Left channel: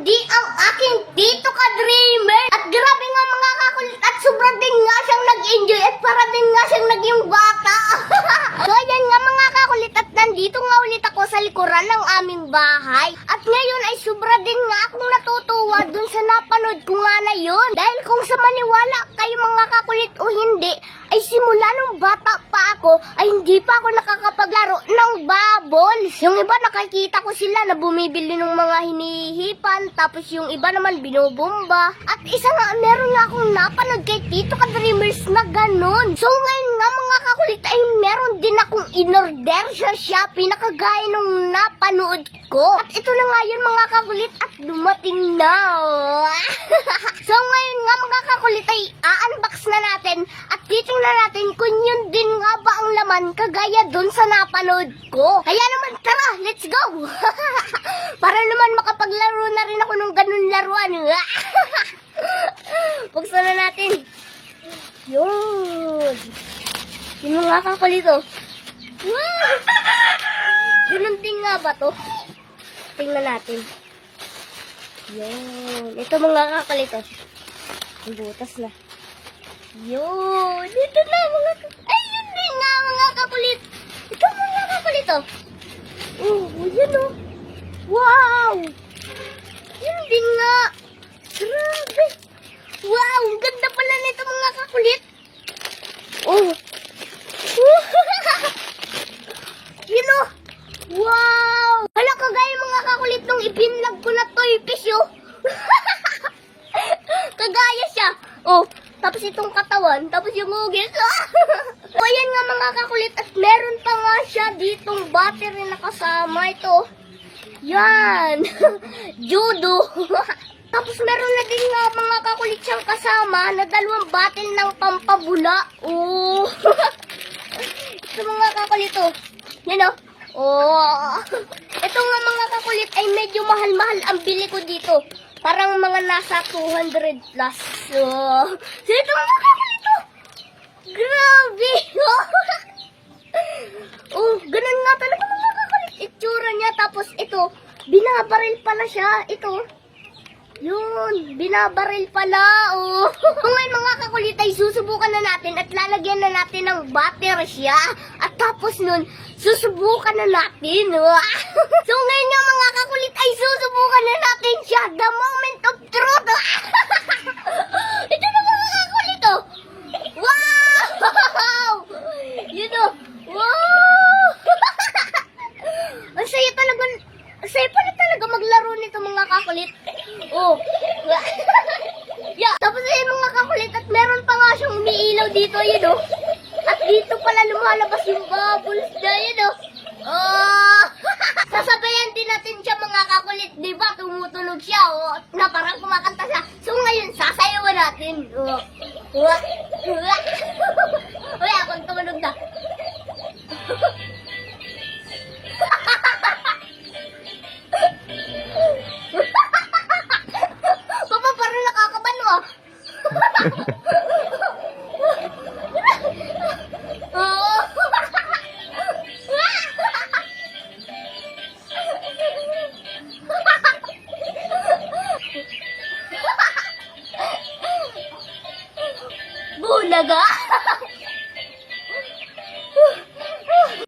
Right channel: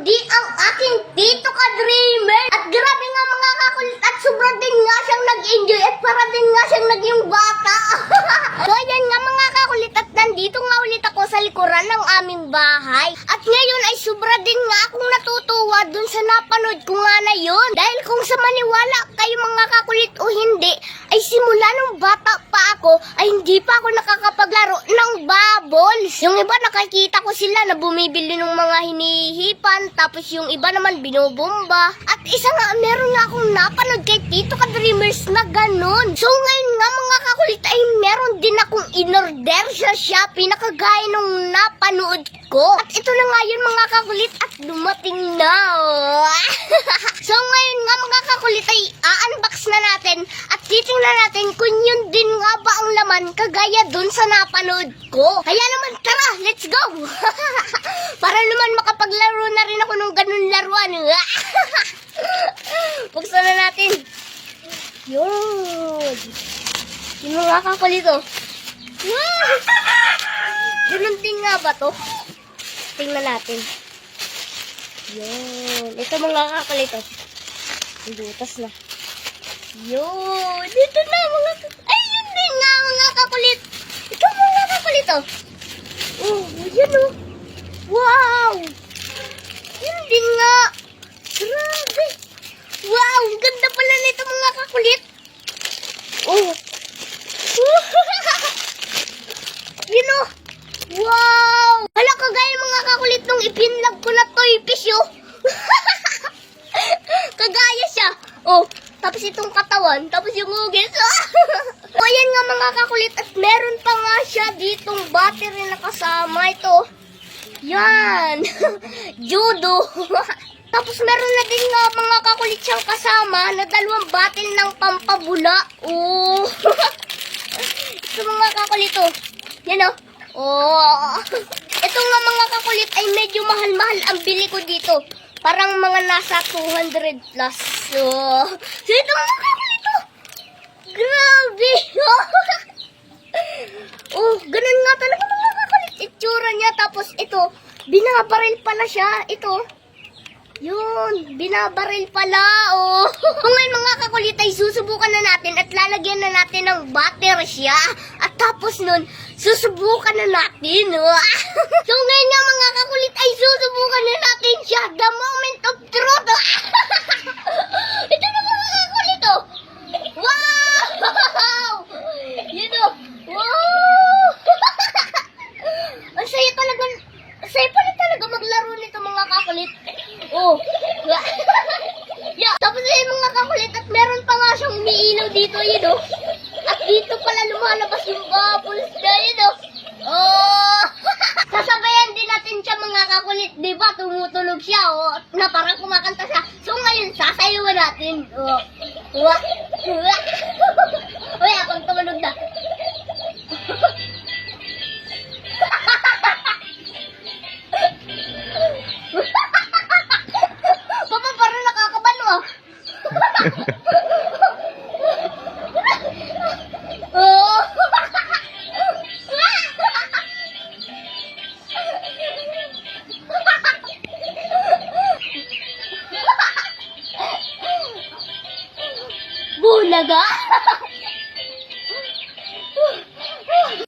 kundi ang aking Tito Ka-Dreamer. At grabe nga mga kakulit at sobra din nga siyang nag-enjoy at para din nga siyang naging bata. So ayan nga mga kakulit at nandito nga ulit ako sa likuran ng aming bahay. At ngayon ay sobra din nga akong natutuwa dun sa napanood ko nga na yun. Dahil kung sa maniwala kayo mga kakulit o hindi, ay simula nung bata pa ako ay hindi pa ako nakakapaglaro ng bubbles. Yung iba nakikita ko sila na bumibili ng mga hinihipan, tapos yung iba naman binubomba. At isa nga, meron nga akong napanood kay Tito Ka-Dreamers na ganun. So ngayon nga mga kakulit ay meron din akong in-order sa Shopee na kagaya nung napanood ko. At ito na nga yun mga kakulit at dumating na. So ngayon nga mga kakulit ay a-unbox na natin at titingnan natin kung yun din nga ba ang laman kagaya dun sa napanood ko. Kaya naman tara, let's go! Para naman makapaglaro na rin ako ng ganun laruan. Buksan na natin. Yun. Yun nga kakulit oh. Wow! Ganun din nga ba to? Tingnan natin. Yun. Ito mga kakulit oh. Ang butas na. Yun. Dito na mga kakulit. Ay, yun din nga mga kakulit. Ito mga kakulit oh. Oh, yun oh. Wow! Yun din nga. Grabe. Wow, ang ganda pala nito mga kakulit. Oh. Yun oh. Wow! Hala, kagaya mga kakulit nung ipinlag ko na toy fish oh. Kagaya siya. Oh, tapos itong katawan, tapos yung hugis. So, ayan nga mga kakulit at meron pa nga siya ditong battery na kasama ito. Yan. Judo. Tapos meron na din nga mga kakulit siyang kasama na dalawang batil ng pampabula. Oh. Ito mga kakulit oh. Yan oh. Oh. Ito nga mga kakulit ay medyo mahal-mahal ang bili ko dito. Parang mga nasa 200 plus. Oh. So ito mga kakulit oh. Grabe. Oh, ganun nga talaga mga kakulit. Itsura niya. Tapos ito, binabaril pala siya. Ito. Yun, binabaril pala, oh. Ngayon mga kakulit ay susubukan na natin at lalagyan na natin ng butter siya. At tapos nun, susubukan na natin, oh. So ngayon nga mga kakulit ay susubukan na natin siya. The moment of truth. Ito na mga kakulit, oh. Wow! Yun, oh. Wow! Ang saya talaga, saya pala talaga maglaro nito mga kakulit. Oh. Yeah. Tapos ayun mga kakulit at meron pa nga siyang umiilaw dito yun oh. At dito pala lumalabas yung bubbles na yun oh. Oh. Sasabayan din natin siya mga kakulit, di ba? Tumutulog siya oh. Na parang kumakanta siya. So ngayon sasayawan natin. Oh. Uy, akong tumulog na. Oh. Bulaga.